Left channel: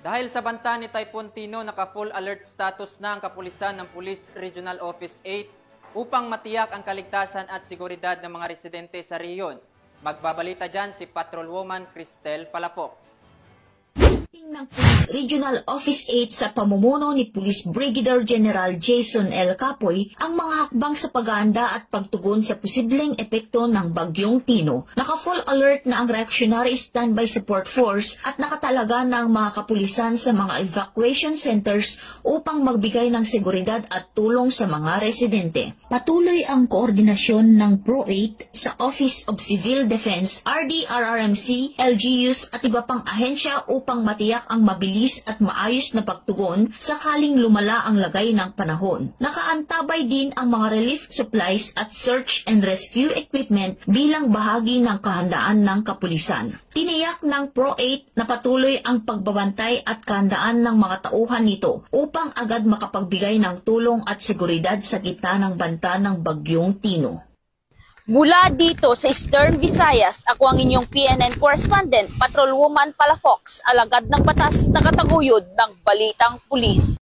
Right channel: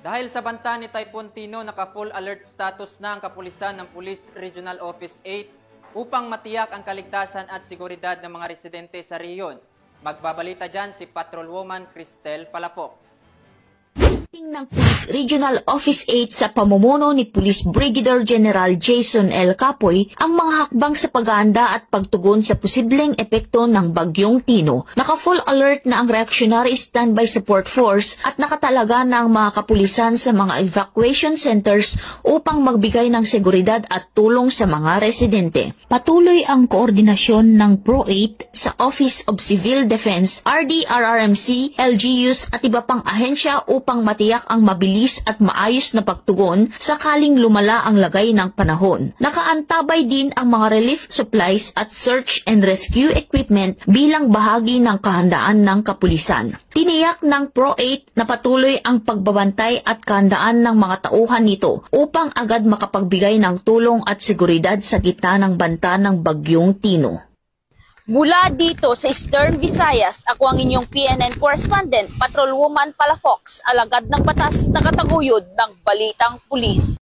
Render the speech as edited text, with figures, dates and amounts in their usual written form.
Dahil sa banta ni Typhoon Tino, naka-full alert status na ang kapulisan ng Police Regional Office 8 upang matiyak ang kaligtasan at seguridad ng mga residente sa riyon. Magbabalita dyan si Patrolwoman Cristel Palafox. Ng Police Regional Office 8 sa pamumuno ni Police Brigadier General Jason L. Capoy ang mga hakbang sa pag-aanda at pagtugon sa posibleng epekto ng Bagyong Tino. Naka-full alert na ang Reactionary Standby Support Force at nakatalaga na ang mga kapulisan sa mga evacuation centers upang magbigay ng seguridad at tulong sa mga residente. Patuloy ang koordinasyon ng PRO-8 sa Office of Civil Defense, RDRRMC, LGUs at iba pang ahensya upang matiyak ang mabilis at maayos na pagtugon sakaling lumala ang lagay ng panahon. Nakaantabay din ang mga relief supplies at search and rescue equipment bilang bahagi ng kahandaan ng kapulisan. Tiniyak ng PRO-8 na patuloy ang pagbabantay at kahandaan ng mga tauhan nito upang agad makapagbigay ng tulong at seguridad sa gitna ng banta ng Bagyong Tino. Mula dito sa Eastern Visayas, ako ang inyong PNN correspondent, Patrolwoman Palafox, alagad ng batas na kataguyod ng Balitang Pulis.